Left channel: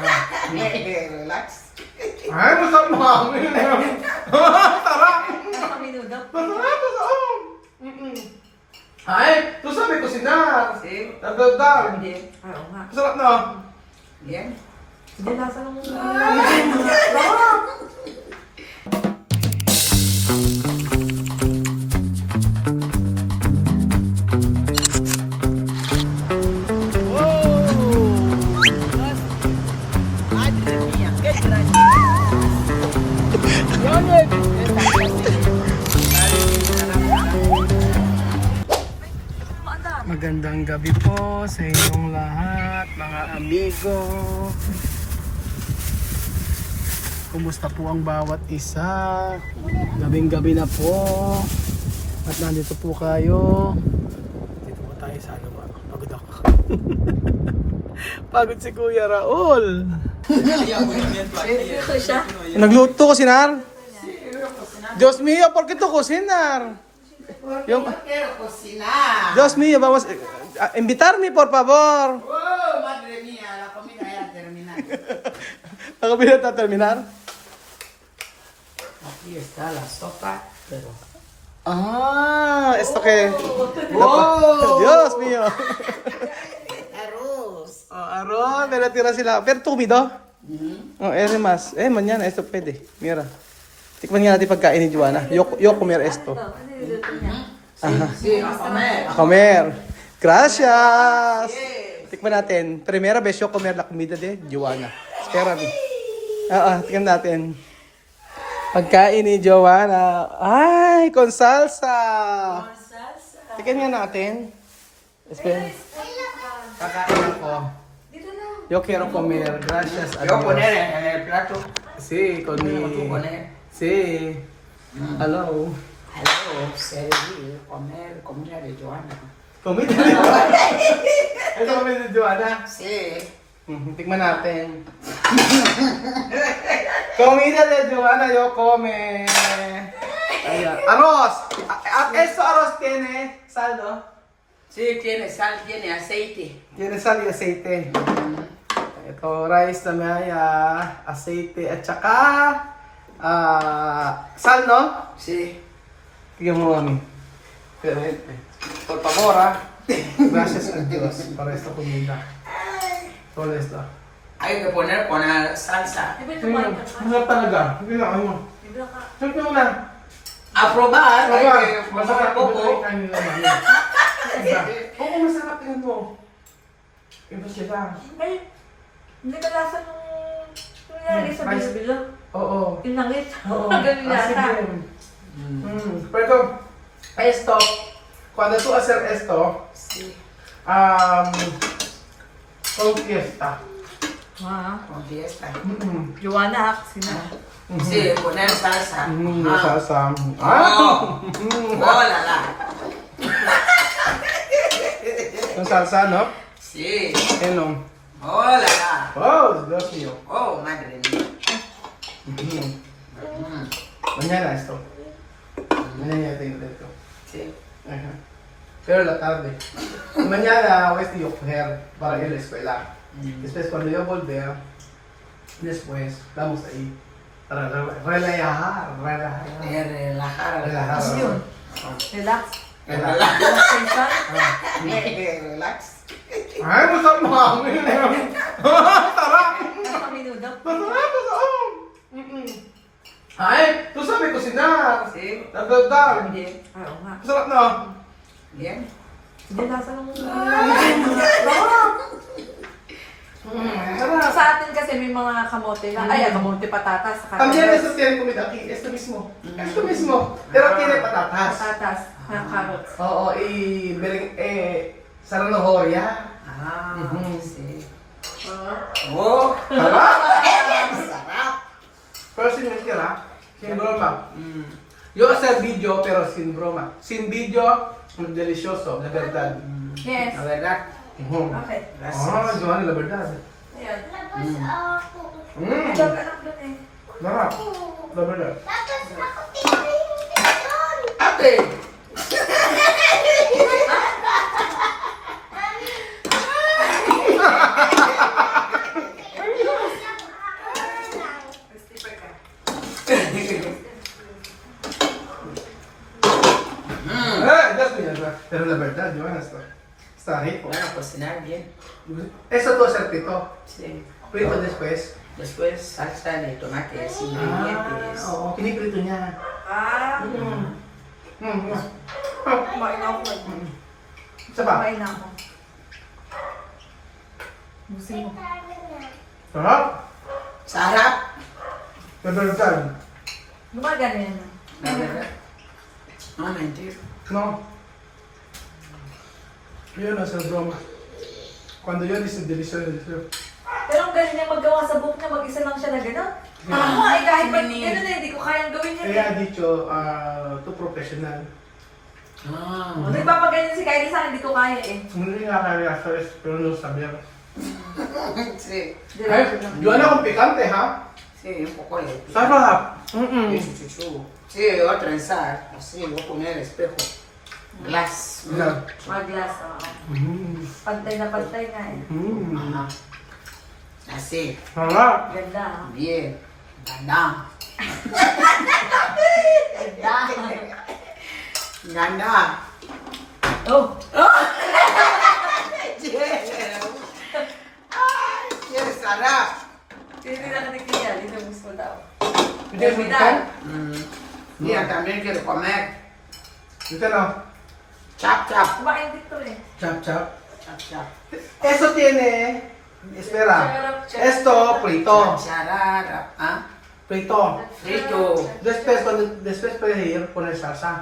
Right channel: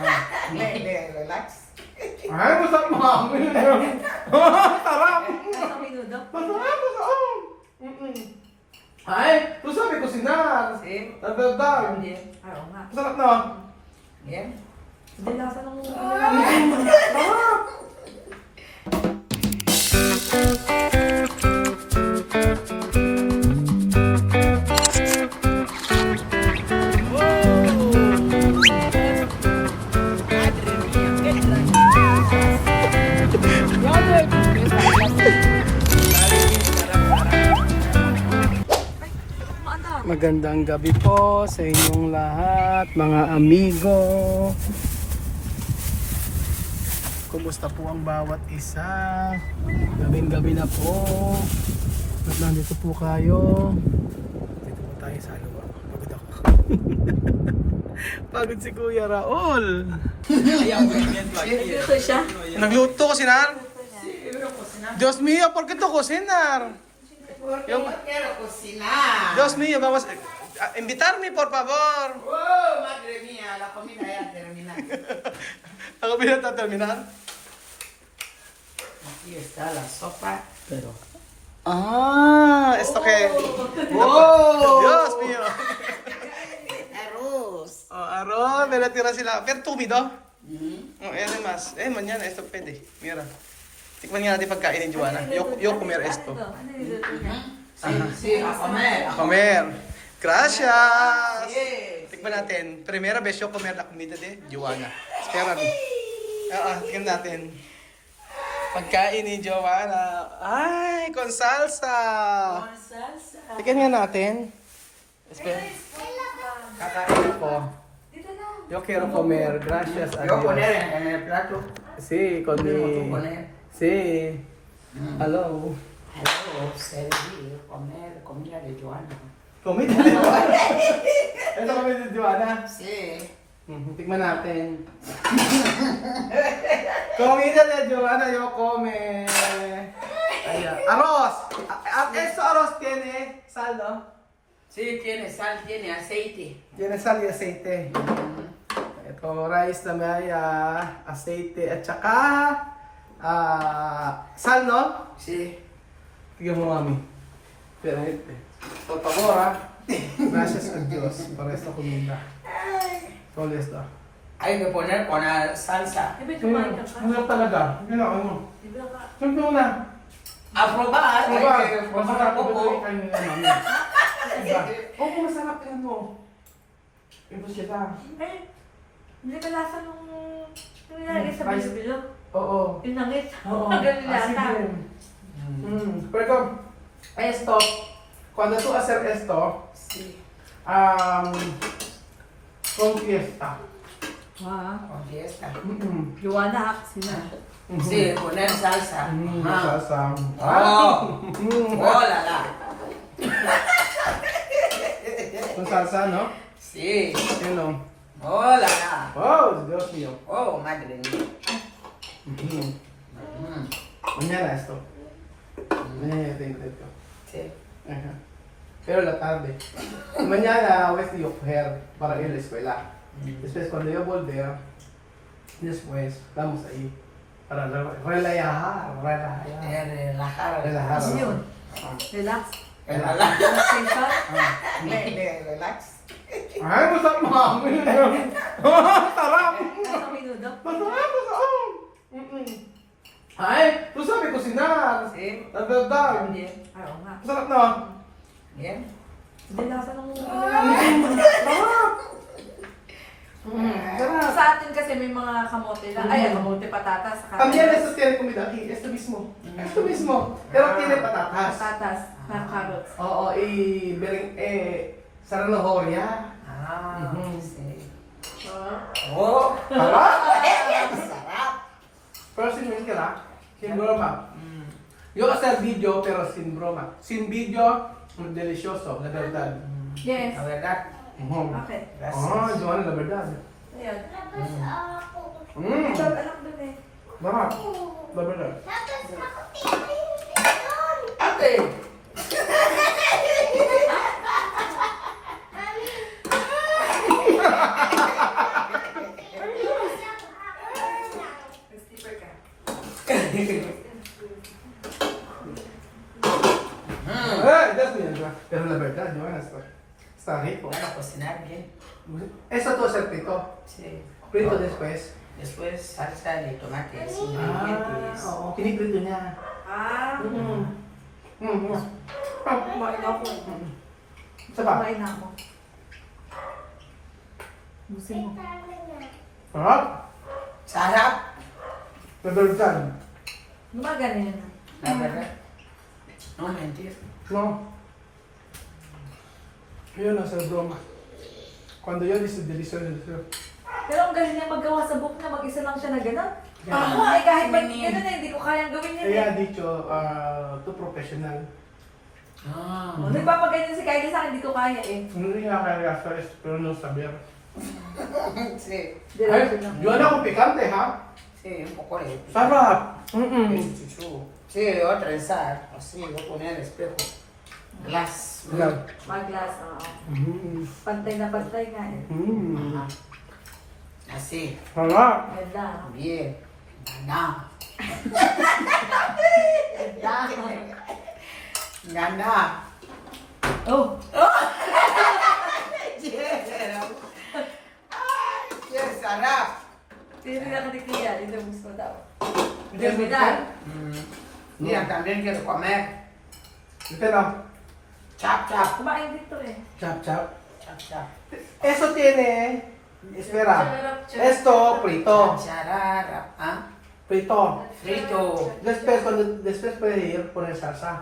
Relax. Ay, masarap mami. Sarap. Minudap. Masarap. Ay, ito sabi ko sinar. Eh, Nagdagdag. hindi. Oo nga. Masarap na. Yan. Hindi lasa lang ko. Magandang gabi po sa inyong lahat, mga amigo. Kumusta po ang bawat isa? Gabing-gabi na po. At nandito po kayo. Dito po tayo sa luwa. Pagod ako. Pagod si Kuya Raul. Ito siya. Nagluto ko sinar. Diyos mío, ¿por qué tú cocinar? Yung, Quiero cocinar. Dios mío, vamos a invitarme, por favor. Oh, madre mía, la comida ya terminó. ¿La comida está a terminar? Aquí está la sopa. Ah, esto que... Wow. Dios mío. Arroz. Oh, arroz, me tira sila. Pero tumido. Oh, más. Mañana esto pwede. Mira. Tikman nga natin pagkain ni Joanna. Yo comer esto. Ano niluto niya? Sí, a comer. A comer. Gracias. Yes. Tikman natin. Primera vez yo comer la comida de Joanna. Espérame. Tikman natin. Pagkain ni Joanna. Ay, con salsa. Salsa. Tikman nga natin. Espera. Kakain ako. Dito na. Yo quiero comer. Gracias a Yo Dios. poner en el plato. Sí, con Tú mi... poner. Sí. Hello. Hello, servir, comer, comida de Joana. Comida ni Joanna. Ito comida ni Joanna. Sí. Tikman natin. Comida de Joanna, yo come. Ayan. Arroz. Esto arroz tiene sal, ¿no? Sí, tiene sal, tiene aceite. Tiene sal y aceite. Ito, rice na may aceite at saka sal, no? Sí. Tignan mo mami. Por favor, Gracias a Dios para esta comida. Todo esto. Hay que poner con la salsa. Iba ito ba? Masarap talaga. Hindi na kayo mo. Ibra ka. Siyempre mo na. A probar, hay Masarap. que poner poco. Oo, masarap yun mo. Ibas kita. Ay, hindi ka lasa nung nangyari sa bilo-bilo. Oo. Pinangit. Oo. Ganun lasa. Pero esto, cuando tú hacer esto, Sí. con fiesta. Con fiesta. Joanna, sina. Sí, poner salsa. Salsa. Oh. Oh, la la. Yung salsa, no? Sí. Ano? Oh, la la. Oh, Dios mío. Oh, madre mía. Mañana esto. Mañana ya tengo esto. Sí. Ajá. Pero la tarde. Mañana voy a coger para ir a la escuela. Después cuando yo volver, después vamos ahí. Para relajar. Relajar. Ano yun? Relax. Relax. Relaxation. Relax. Ay, masarap mami. Sarap. Ano minudap? Masarap. Ay, ito sabi ko sinar. Sí. Nagdagdag. Bien. Oo nga. Masarap na. Bien. Hindi lasa lang ko. Sarap. Sa atin kasi may mga kamote na. Ay, kamote patatas. saka También carrots. eso tiene comida aquí, esto mismo. Esto mismo. Pero tiene patatas. Patatas na carrots. Oo, saranohoria. Ah, Mhm. sí. Oh. Sarap. Sarap. Pero sin mentira, sin broma. Yo hacer video pero sin broma. Sin video, delicioso, la verdad. Yes. La verdad. Okay. Ah, Joanna, la verdad. Ayan. Mm. Ilang anak doon eh. Sarap. La verdad. Ate. Está rico. Bueno, cocinar bien. Eso tú hacer pito. Sí. Prito después. Después salsa de tomates, Ah, ingredientes. oo. Piniprito niya. Ah, kumain ako eh. Isa pa? Kumain ako. Busin mo. Sarap. Sarap! Nadalasan. Gumagana yan. La verdad. No mentir. No. Yun nasa broma. Cuando yun, is delicioso. Pero ang galing niya maggawa sa book niya, mag-isa lang siya na gano'n. Yeah. Ako eh, kahit ba't Hindi. gano'n eh, hindi ko kayang gawin yun Kaya eh. dicho, to professional. Ah. Nagpapaganyan si Kylie sa akin, hindi ko kaya eh. Hindi nga kaya sa pero no saber. Sí, Diretso lang. Yun akong pikante, ha? sí, un poco de... Sarap. Chuchu. Sí, yo voy a trenzar. Así, voy a poner el espejo. Glass. Mag-glass, oo. Mm. Pantay na eh. Mm. Ajá. Así. Sarap. Ganda. ah. Bien. Gana. Gana. Oh! Yeah. Yes, sarap. Hindi na nakikinig hindi na gusto daw. Hindi, Terminal. Mira, también quiero comer. Ito no. Chap, chap. Kumain dito eh. Chop chop. Chap, chap. Eso tiene. Espera. Esto, frito. Chararap. ¿Ah? Frito. Frito. Después puedes ir poner salsa.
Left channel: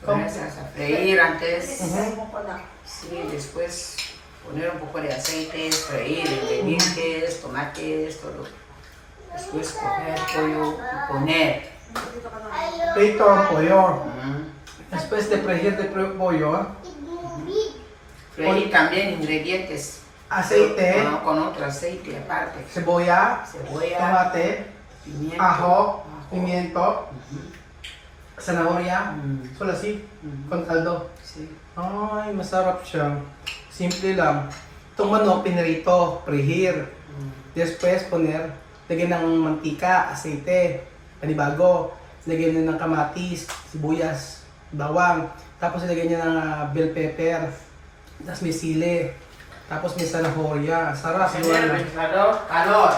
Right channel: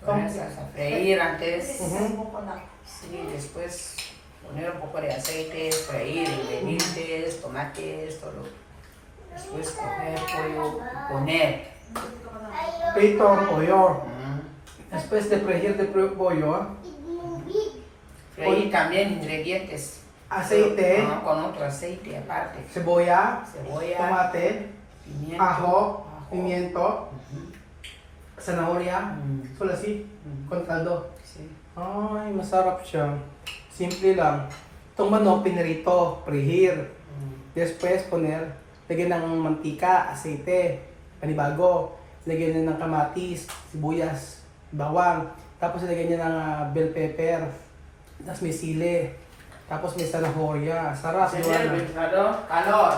Poner salsa. Freír antes. Isisay mo ko na. Sí, después poner un poco de aceite, freír ingredientes, tomates, todo. Después coger pollo y poner. Frito ang pollo. Mm. Después de freír de pollo, Freír también ingredientes. aceite, Con otro aceite aparte. cebolla, Cebolla, tomate, pimiento, ajo, pimiento, zanahoria. Mm. Solo así, con caldo. Sí. Ay, masarap siya. Simple lang. Itong manok, pinirito, prehir. Después, lagyan ng mantika, aceite, panibago. Lagyan niya ng kamatis, sibuyas, bawang. Tapos lagyan niya ng bell pepper. Tapos may sili. Tapos may zanahoria. Sarap. Señor, calor, calor.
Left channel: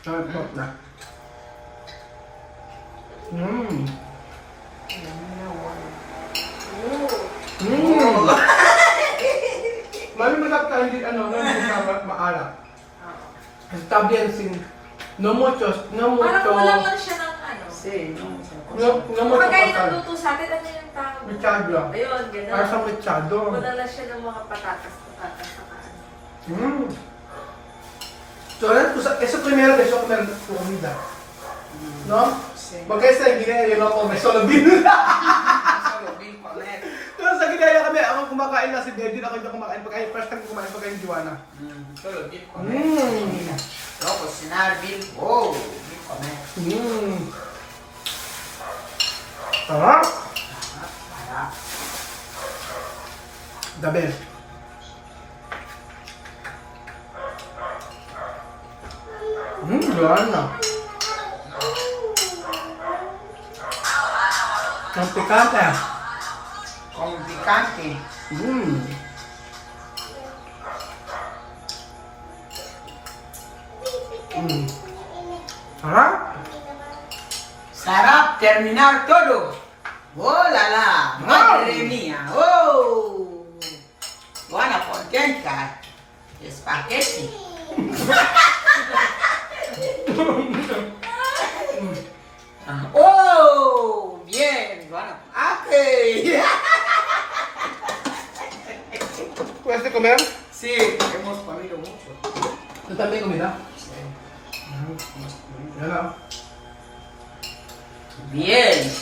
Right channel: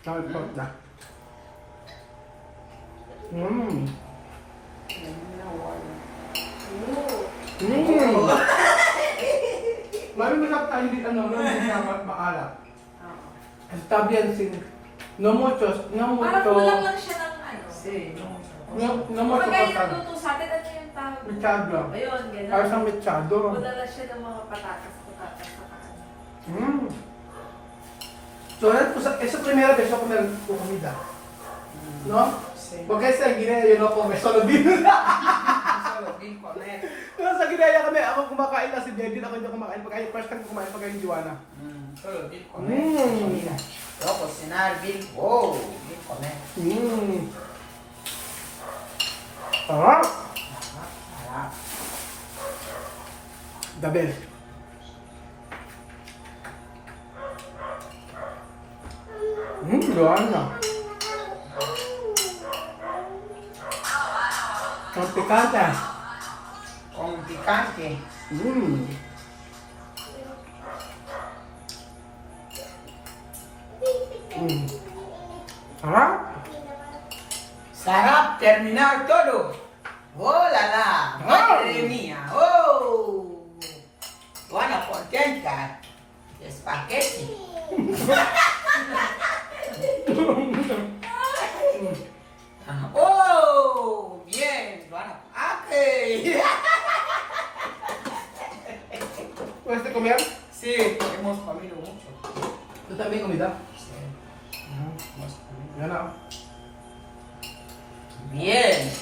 Sarap na. Mm. Lalo masarap tayo hindi maalat. Está bien sin... No mucho, Parang kulang lang siya ng ano. Sí, no mucho. no mucho Kagaya ng pasal. luto sa atin, ano yung tawag? Mechado. Ayun, Para sa gano'n. mechado. Wala lang siya ng mga patatas sa kaano. So, eso primero que yo comer tu comida. ¿No? Sí. Porque esta ginaya yo no come, solo vino. Solo vi comer. Pero sa ginaya kami, ako kumakain na si Dedin, ako hindi kumakain. First time kumain pagkain ni Joanna. Solo vi comer. Pero cocinar, vi, wow, vi comer. Sarap! Sarap. The best. Joanna. Ang pikante. Con picante. Sarap? Sarap, terminar todo. ¡Oh, la la! ¡Madre mía! ¡Oh! Buena, contenta. Espagueti. ¡Oh! Bien, bueno. ¡Ake! ¿Puedes de comer? Sí, hemos comido mucho. ¿Tú también comida? Sí, hemos comido. Yo no. Bien.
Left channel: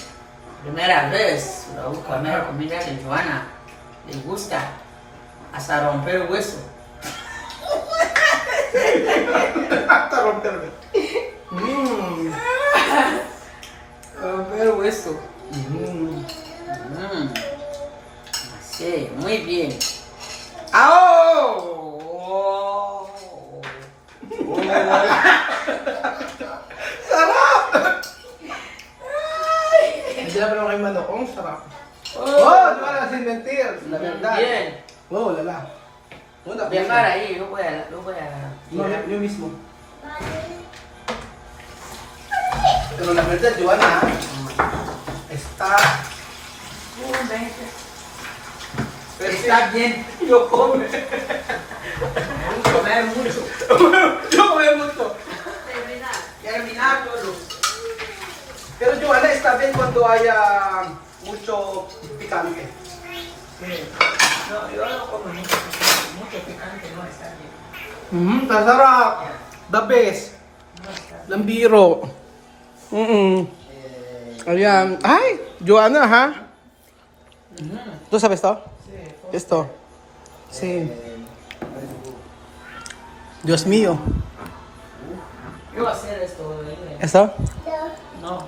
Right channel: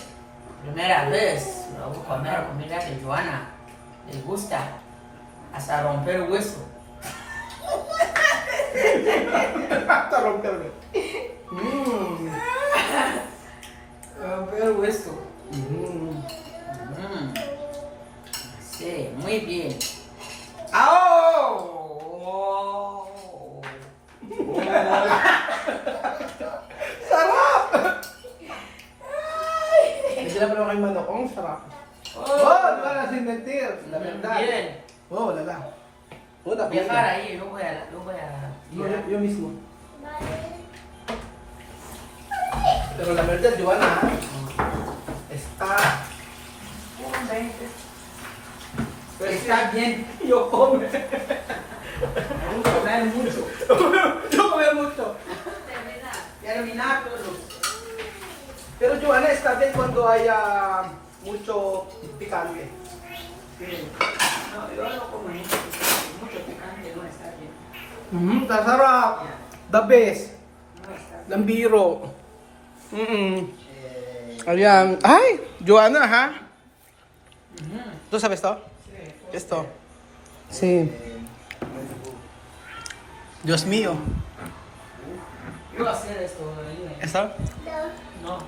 Primera vez lo voy a comer comida de Joana. Le gusta. Hasta romper hueso. Hasta romperme. Romper hueso. Sí, muy bien. ¡Oh! Hindi na pero kay manok. Ang sarap. Oh, Oh, no para sin mentir. La verdad. Bien. No, lala. Una, Dejar ahí, no voy a... No, yo mismo. Pero la verdad, Joana, está... Está bien. Yo come. Comer mucho. Yo come mucho. Terminar todo. Pero Joana está bien cuando haya mucho picante. Sí. No, yo no como mucho picante, no está bien. Tasarap. The best. No está bien. Lambiro. Ayan. Ay, Joana, ha? ¿Tú sabes esto? Esto. Sí. Dios mío. Yo voy a hacer esto. ¿Esto? No.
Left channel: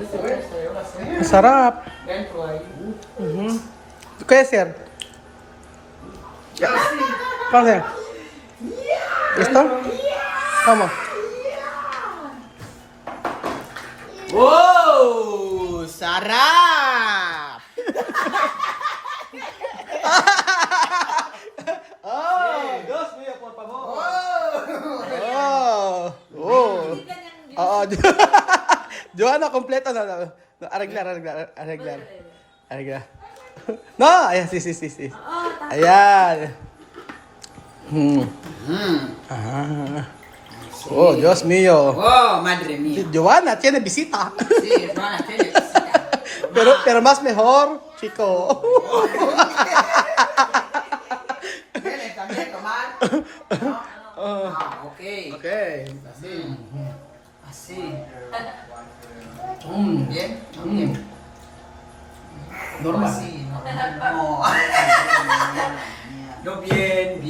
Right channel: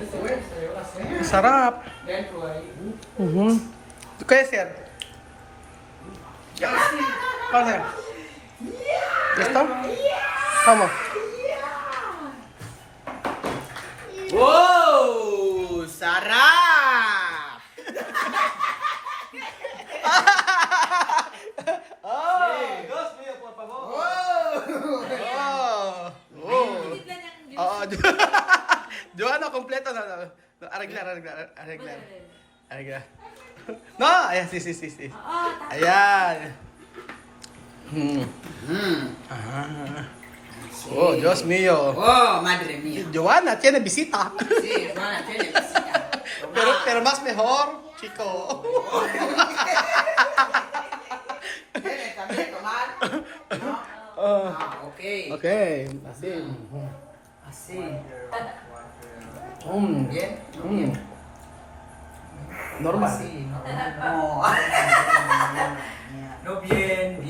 Esto yo voy a hacer. Masarap. Dentro ahí. ¿Qué hacer? ¿Cómo hacer? ¿Esto? ¿Cómo? ¡Wow! ¡Sarap! ¡Oh! Dios mío, por favor. ¡Oh! ¡Oh! Oo, Joanna, kompleto na. Arreglar. No, ayan, sí. Ayan. Ah. Oh, Dios mío. ¡Oh, madre mía! Joanna tiene visita. Sí, hermana, tiene visita. Pero más mejor, chico. ¿Tienes también tomar? No. Ok. Ok, así. Así. Bien. Normal. Así, no. No, bien.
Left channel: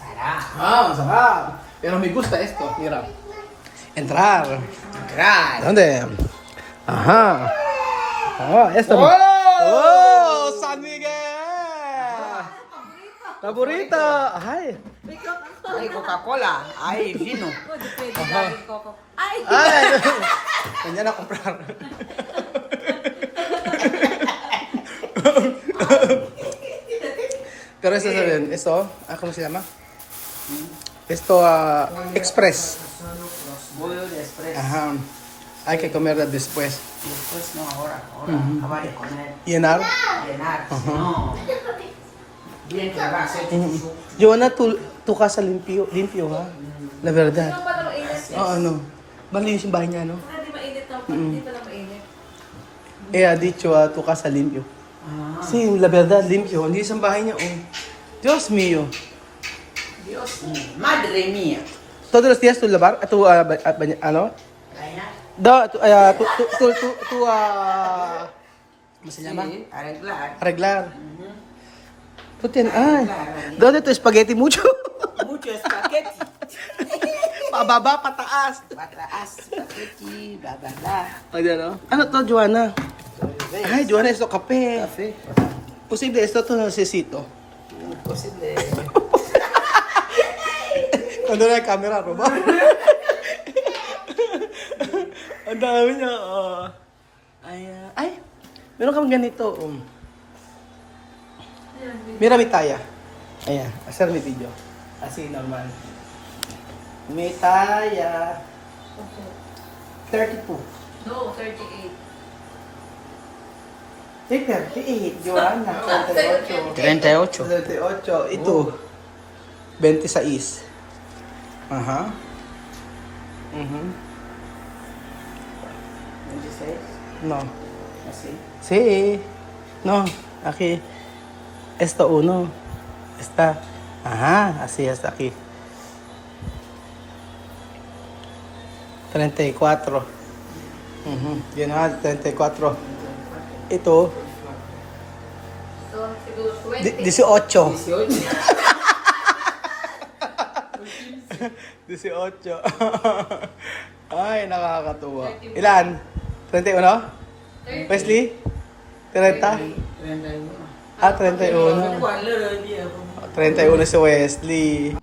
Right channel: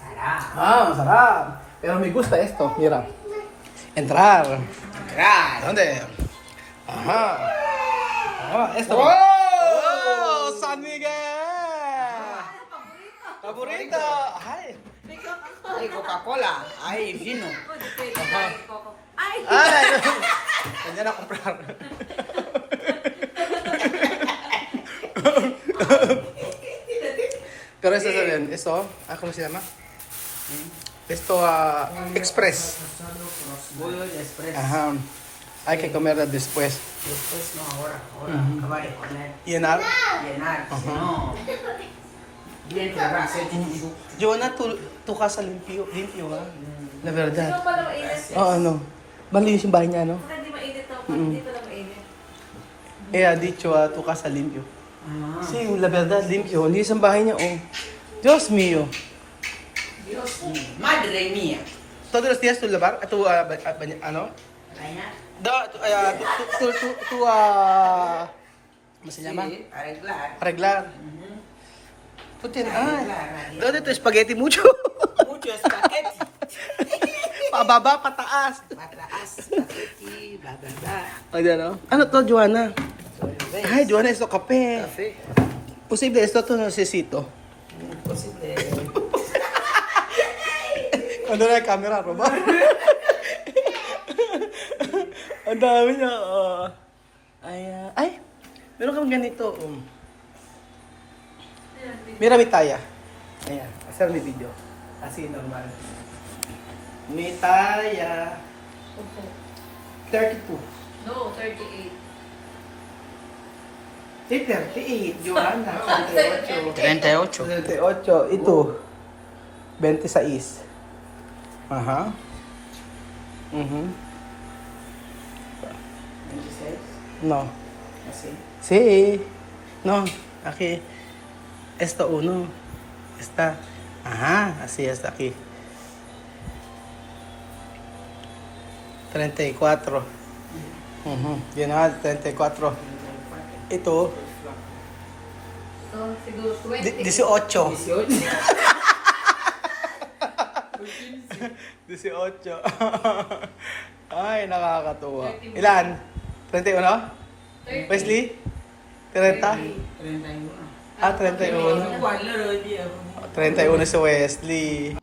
Sarap. Sarap. Pero me gusta esto, mira. Entrar. Right. ¿Dónde? Ajá. Esto. Oh, San Miguel. Favorito. Ay. Hay Coca-Cola, hay vino. Ay. Mañana a comprar. Pero esto saben, esto, ¿cómo se llama? Esto, express. Bollo de express. Ajá. Hay que comer después. Después no, ahora. Acaba de comer. Llenar. Llenar. No. Bien que va a hacer chuchu. Joanna, tu casa limpio, ha? La verdad. Ito para mainit. Oo, ano. Malinis yung bahay niya, no? Hindi mainit to. Dito lang mainit. Ha dicho, tu casa limpio. Sí, la verdad, limpio. Hindi sa bahay niya, oh. Dios mío. Dios mío. Madre mía. Todos los días tu lavar? Ano? Reina. ¿Cómo se llama? Sí, arreglar. Arreglar. ¿Dónde tu spaghetti mucho? Mucho espagueti. Pababa, pataas. Pataas, spaghetti, bla bla bla. Ayan, no? Ano to, Joanna? Ay, Joanna, esto kape. Café. Posible, esto to necesito. Posible. Ano na yung camera, Roba? Ang dami niya. Ay, meron kang ganito. Mira mi taya. Ayan, hacer mi video. Así, normal. Mi taya. 32. No, 38. Sí, 38. Joanna, 38. 38. 38. Ito, 26. Ajá. 26. No. Así. Sí. No, aquí. Esto uno. Está. Ajá, así está aquí. 34. Yan 34. Ito, So, siguro 20. 18. 18. 18. Ay, nakakatuwa. Ilan? 31? 30. Wesley? 30? 31. 31. 31 si Wesley.